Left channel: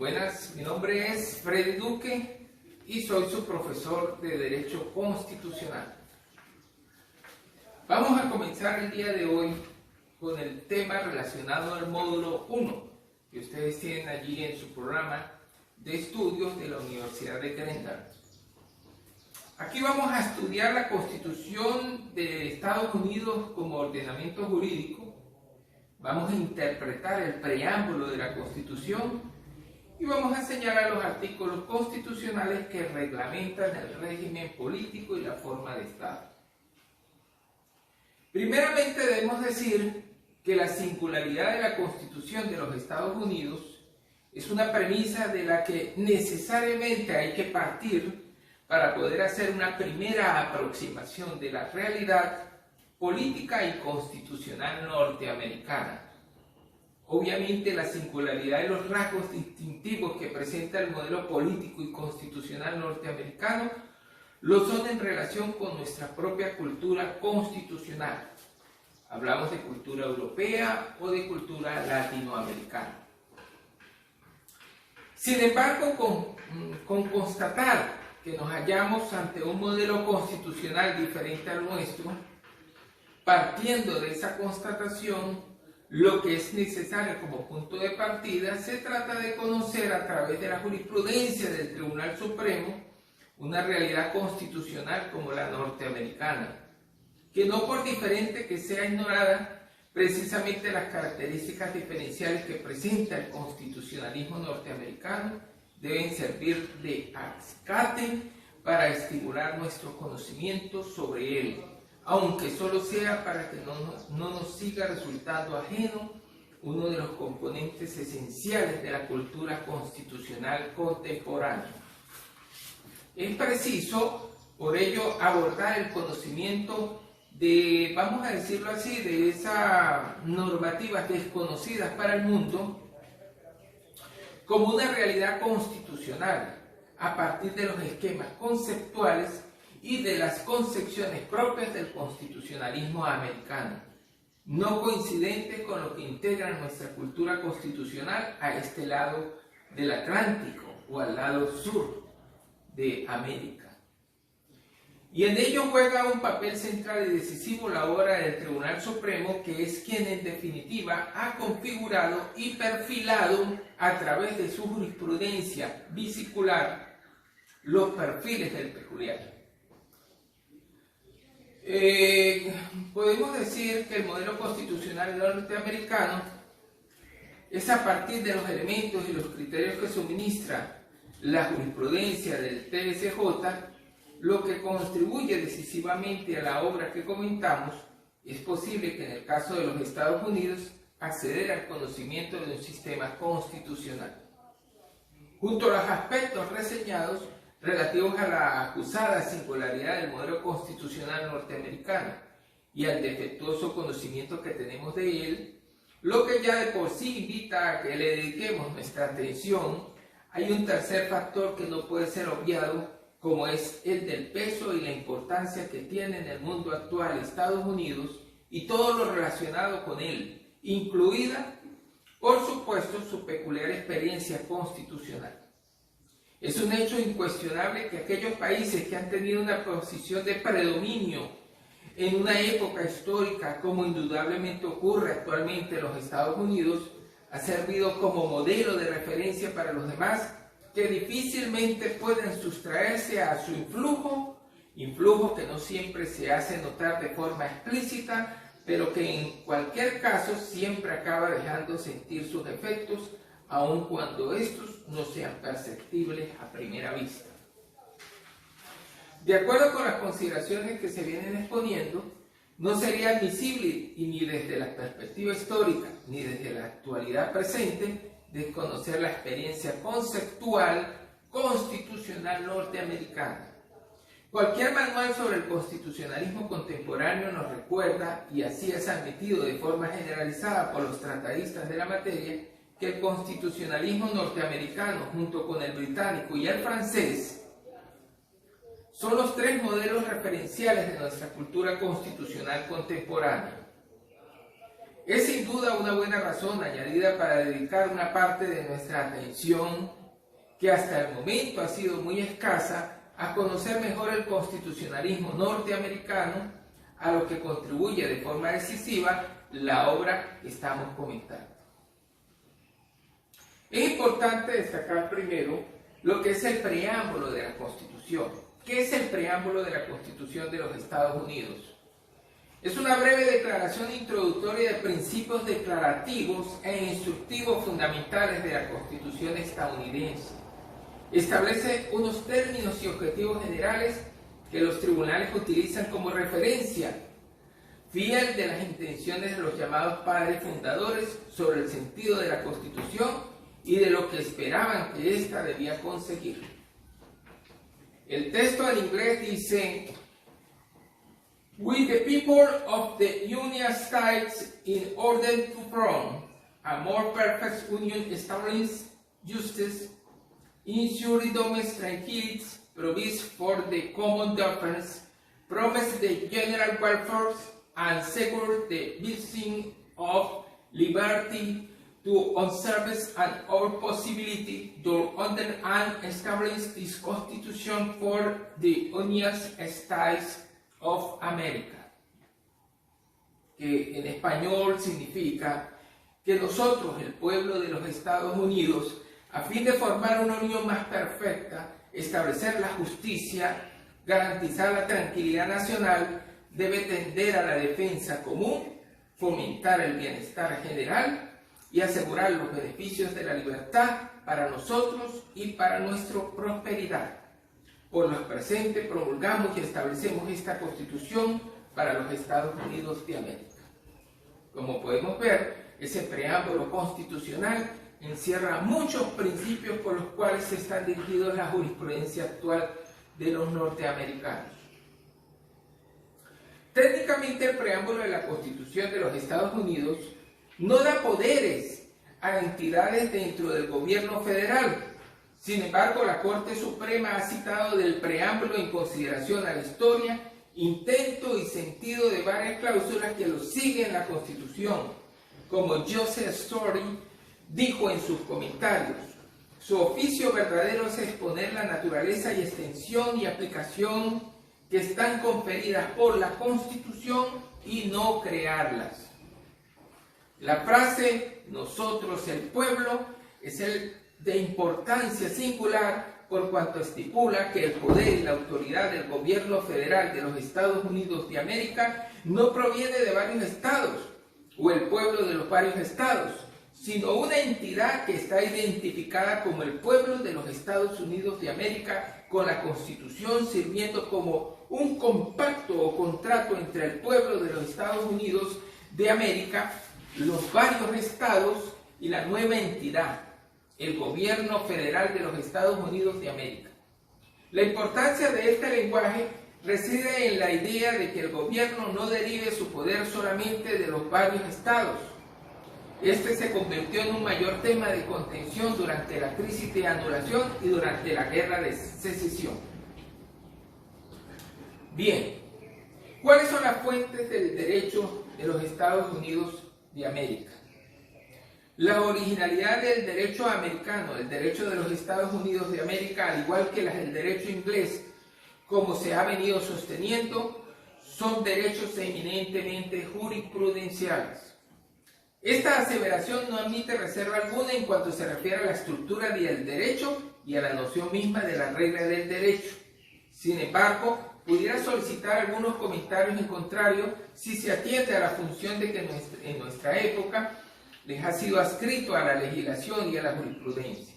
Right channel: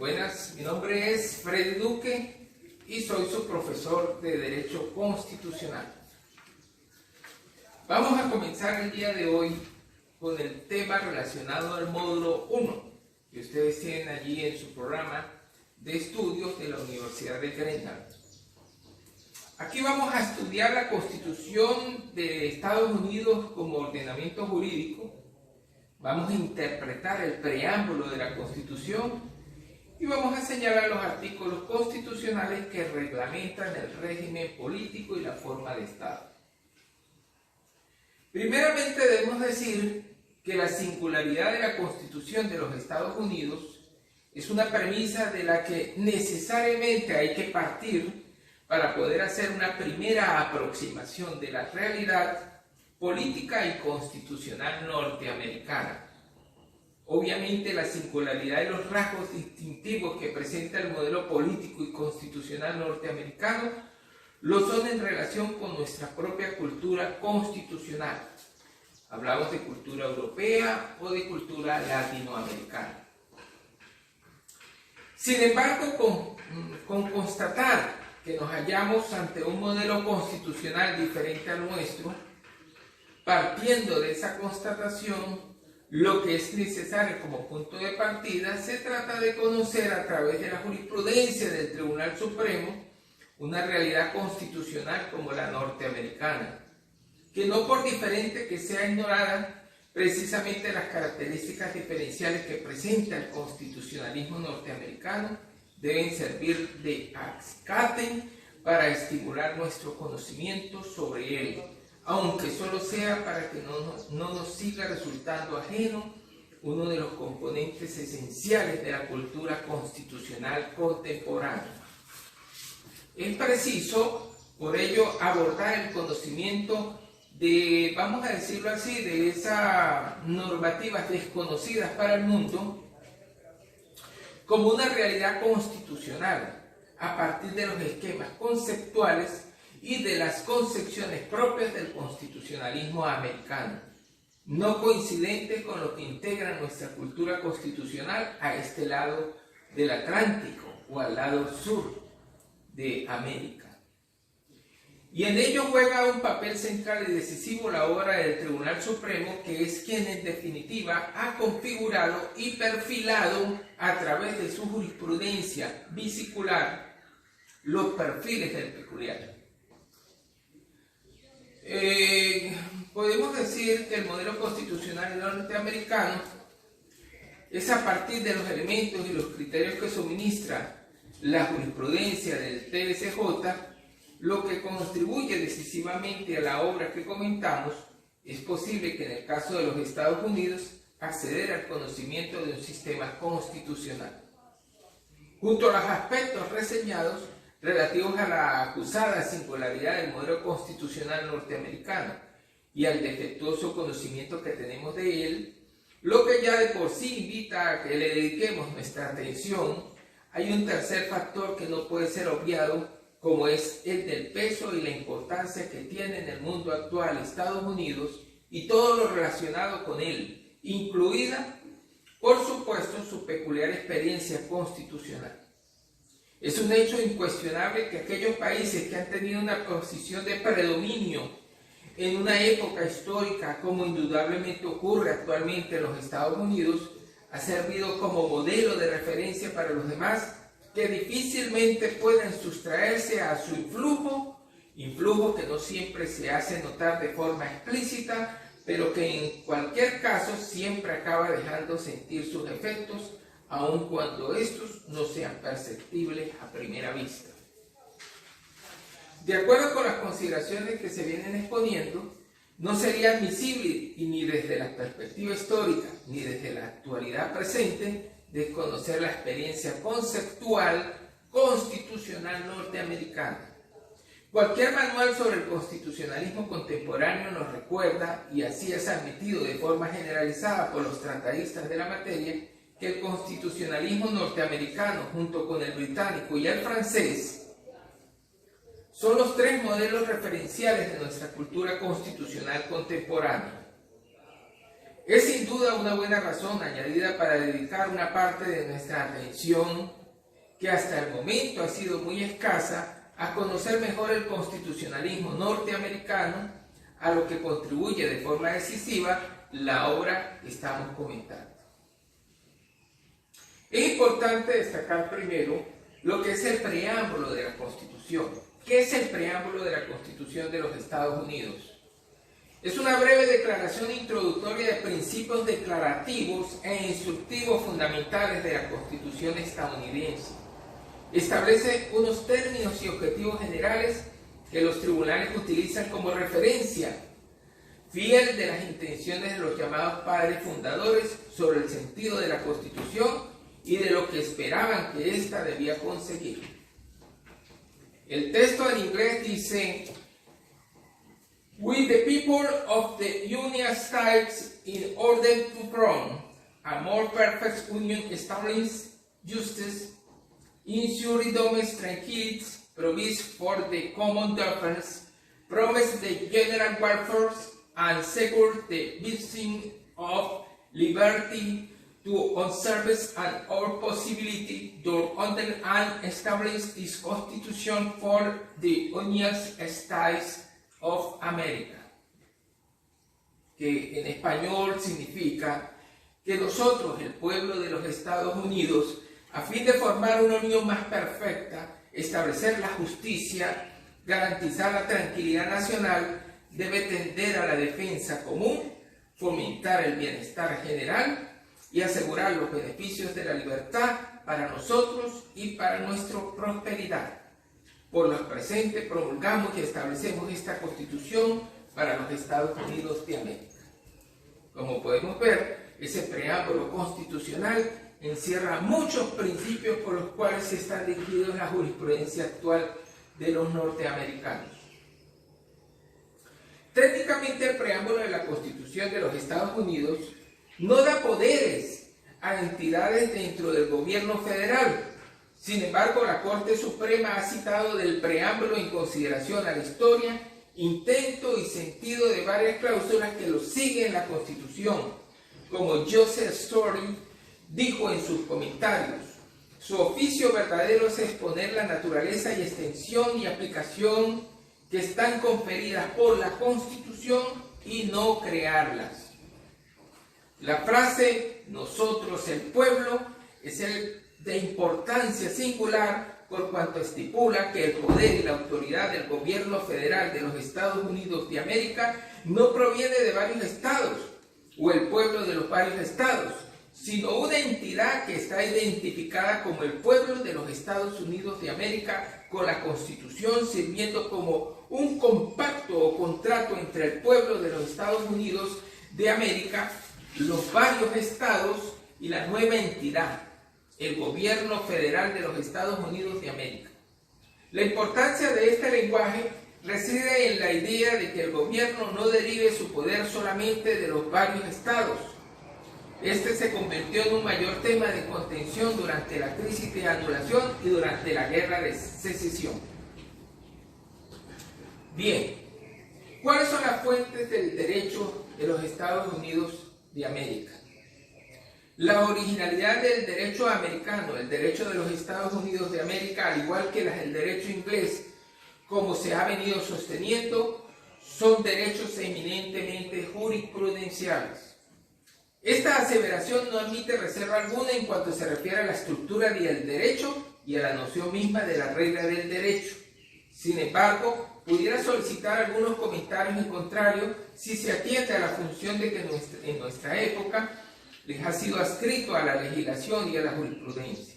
Buenas, mi nombre es Freddy Duque y soy su profesor de Derecho Constitucional. Vamos a comenzar el día de hoy con el tema relacionado al módulo 1 que ustedes tienen allí en su programa de estudios de la Universidad de Greenland. Aquí vamos a estudiar la Constitución de Estados Unidos como ordenamiento jurídico. Vamos a interpretar el preámbulo de la Constitución y vamos a señalar los artículos constitucionales que reglamentan el régimen político y la forma de Estado. Primeramente debemos decir que la singularidad de la Constitución de los Estados Unidos es una premisa de la que necesariamente hay que partir para poder hacer una primera aproximación de la realidad política y constitucional norteamericana. Obviamente la singularidad de los rasgos distintivos que presenta el modelo político y constitucional norteamericano lo son en relación con nuestra propia cultura constitucional. Hablamos de cultura europea o de cultura latinoamericana. Sin embargo, con constatar que nos hallamos ante un modelo constitucional diferente al nuestro, partiendo de esa constatación, lo que es necesario como punto de partida se trata de conocer a través de la jurisprudencia del Tribunal Supremo una realidad constitucional como la norteamericana, que no por diferente que sea ignorada, precisamente las características diferenciales que presenta el constitucionalismo norteamericano deben servir de acate para estimular nuestro conocimiento sobre él, aunque solo sea para que no nos siga resultando ajeno uno de los componentes esenciales de la cultura constitucional contemporánea. Es preciso, por ello, abordar el conocimiento de, vamos a decirlo así, de esas normativas desconocidas para el mundo como una realidad constitucional a partir de los esquemas conceptuales y de las concepciones propias del constitucionalismo americano, no coincidentes con lo que integra nuestra cultura constitucional a este lado del Atlántico o al lado sur de América. Y en ello juega un papel central y decisivo la obra del Tribunal Supremo, que es quien en definitiva ha configurado y perfilado a través de su jurisprudencia bisicular los perfiles del peculiar. Podemos decir que el modelo constitucional norteamericano es a partir de los elementos y los criterios que suministra la jurisprudencia del TSJ lo que contribuye decisivamente a la obra que comentamos. Es posible que en el caso de los Estados Unidos acceder al conocimiento de un sistema constitucional. Junto a los aspectos reseñados relativos a la acusada singularidad del modelo constitucional norteamericano y al defectuoso conocimiento que tenemos de él, lo que ya de por sí invita a que le dediquemos nuestra atención, hay un tercer factor que no puede ser obviado, como es el del peso y la importancia que tiene en el mundo actual Estados Unidos y todo lo relacionado con él, incluida, por supuesto, su peculiar experiencia constitucional. Es un hecho incuestionable que aquellos países que han tenido una posición de predominio en una época histórica, como indudablemente ocurre actualmente en los Estados Unidos, ha servido como modelo de referencia para los demás, que difícilmente pueden sustraerse a su influjo que no siempre se hace notar de forma explícita, pero que en cualquier caso siempre acaba dejando sentir sus efectos, aun cuando estos no sean perceptibles a primera vista. De acuerdo con las consideraciones que se vienen exponiendo, no sería admisible, y ni desde la perspectiva histórica, ni desde la actualidad presente, desconocer la experiencia conceptual constitucional norteamericana. Cualquier manual sobre el constitucionalismo contemporáneo nos recuerda, y así es admitido de forma generalizada por los tratadistas de la materia, que el constitucionalismo norteamericano, junto con el británico y el francés, son los tres modelos referenciales de nuestra cultura constitucional contemporánea. Es sin duda una buena razón añadida para dedicar una parte de nuestra atención, que hasta el momento ha sido muy escasa, a conocer mejor el constitucionalismo norteamericano, a lo que contribuye de forma decisiva la obra que estamos comentando. Es importante destacar primero lo que es el preámbulo de la Constitución. ¿Qué es el preámbulo de la Constitución de los Estados Unidos? Es una breve declaración introductoria de principios declarativos e instructivos fundamentales de la Constitución estadounidense. Establece unos términos y objetivos generales que los tribunales utilizan como referencia, fiel de las intenciones de los llamados padres fundadores sobre el sentido de la Constitución y de lo que esperaban que ésta debía conseguir. El texto en inglés dice: "We the people of the United States, in order to form a more perfect union, establish justice, ensure domestic tranquility, provide for the common defense, promise the general welfare, and secure the blessing of liberty to observe and our possibility to under and establish this Constitution for the United States of America", que en español significa que nosotros, el pueblo de los Estados Unidos, a fin de formar una unión más perfecta, establecer la justicia, garantizar la tranquilidad nacional, debe tender a la defensa común, fomentar el bienestar general y asegurar los beneficios de la libertad para nosotros y para nuestra prosperidad. Por lo presente promulgamos y establecemos esta Constitución para los Estados Unidos de América. Como podemos ver, ese preámbulo constitucional encierra muchos principios por los cuales están dirigidos la jurisprudencia actual de los norteamericanos. Técnicamente, el preámbulo de la Constitución de los Estados Unidos no da poderes a entidades dentro del gobierno federal. Sin embargo, la Corte Suprema ha citado del preámbulo en consideración a la historia, intento y sentido de varias cláusulas que lo siguen la Constitución. Como Joseph Story dijo en sus comentarios, su oficio verdadero es exponer la naturaleza y extensión y aplicación que están conferidas por la Constitución y no crearlas. La frase "nosotros el pueblo" es de importancia singular por cuanto estipula que el poder y la autoridad del gobierno federal de los Estados Unidos de América no proviene de varios estados o el pueblo de los varios estados, sino una entidad que está identificada como el pueblo de los Estados Unidos de América, con la Constitución sirviendo como un compacto o contrato entre el pueblo de los Estados Unidos de América, los varios estados y la nueva entidad, el gobierno federal de los Estados Unidos de América. La importancia de este lenguaje reside en la idea de que el gobierno no derive su poder solamente de los varios estados. Este se convirtió en un mayor tema de contención durante la crisis de anulación y durante la guerra de secesión. Bien, ¿cuáles son las fuentes del derecho de los Estados Unidos de América? La originalidad del derecho americano, el derecho de los Estados Unidos de América, al igual que las del derecho inglés, como se ha venido sosteniendo, son derechos eminentemente jurisprudenciales. Esta aseveración no admite reserva alguna en cuanto se refiere a la estructura del derecho y a la noción misma de la regla del derecho. Sin embargo, pudiera solicitar algunos comentarios en contrario si se atiende a la función de que en nuestra época les ha sido adscrito a la legislación y a la jurisprudencia.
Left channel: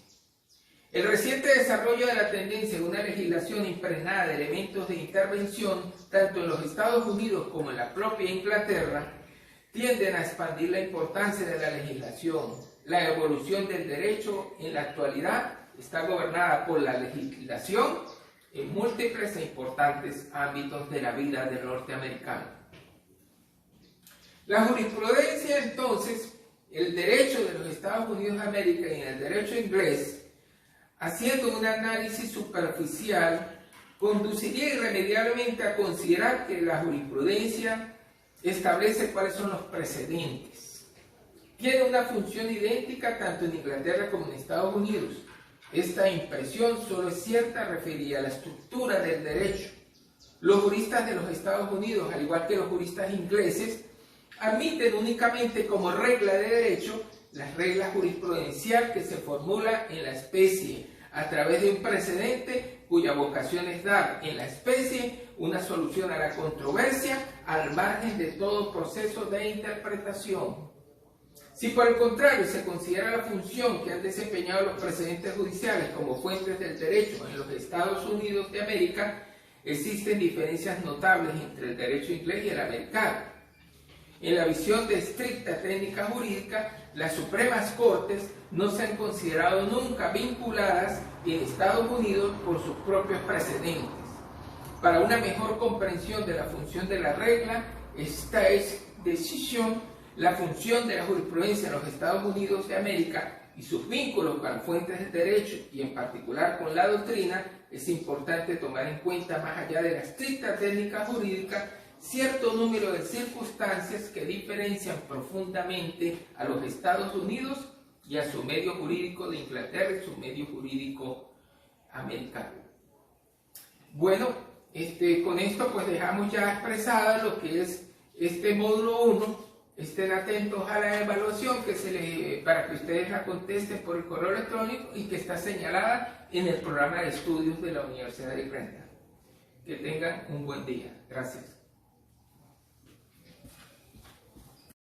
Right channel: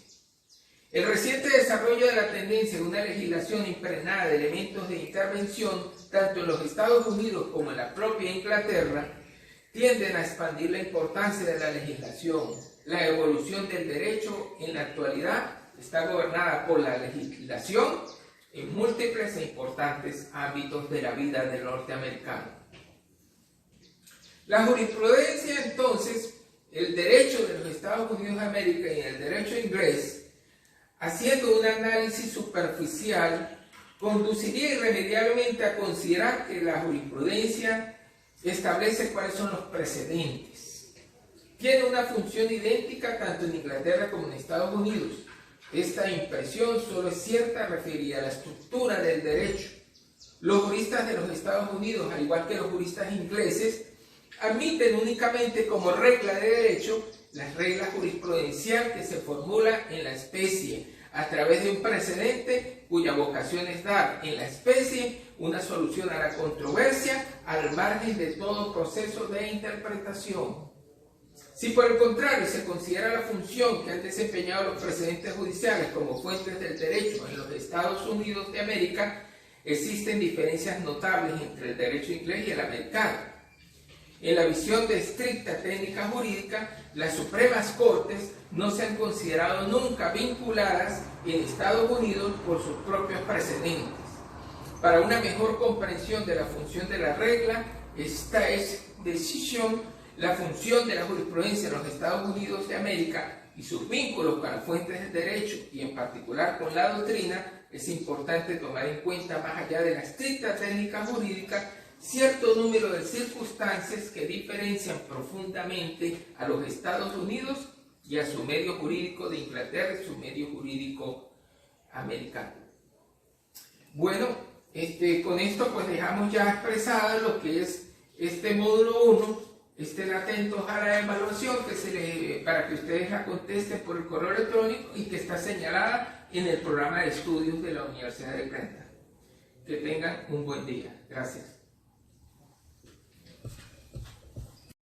El reciente desarrollo de la tendencia de una legislación impregnada de elementos de intervención, tanto en los Estados Unidos como en la propia Inglaterra, tienden a expandir la importancia de la legislación. La evolución del derecho en la actualidad está gobernada por la legislación en múltiples e importantes ámbitos de la vida del norteamericano. La jurisprudencia, entonces, el derecho de los Estados Unidos de América y el derecho inglés, haciendo un análisis superficial, conduciría irremediablemente a considerar que la jurisprudencia establece cuáles son los precedentes. tiene una función idéntica tanto en Inglaterra como en Estados Unidos. Esta impresión solo es cierta referida a la estructura del derecho. Los juristas de los Estados Unidos, al igual que los juristas ingleses, admiten únicamente como regla de derecho las reglas jurisprudencial que se formula en la especie a través de un precedente cuya vocación es dar en la especie una solución a la controversia al margen de todo proceso de interpretación. Si por el contrario se considera la función que han desempeñado los precedentes judiciales como fuentes del derecho en los Estados Unidos de América, existen diferencias notables entre el derecho inglés y el americano. En la visión de estricta técnica jurídica, las Supremas Cortes no se han considerado nunca vinculadas en Estados Unidos por sus propios precedentes. Para una mejor comprensión de la función de la regla, esta es decisión, la función de la jurisprudencia en los Estados Unidos de América y sus vínculos con las fuentes del derecho y en particular con la doctrina, es importante tomar en cuenta, más allá de la estricta técnica jurídica, cierto número de circunstancias que diferencian profundamente a los Estados Unidos y a su medio jurídico de Inglaterra y su medio jurídico americano. Bueno, con esto pues dejamos ya expresada lo que es este módulo 1. Estén atentos a la evaluación para que ustedes la contesten por el correo electrónico y que está señalada en el programa de estudios de la Universidad de Grantham. Que tengan un buen día. Gracias.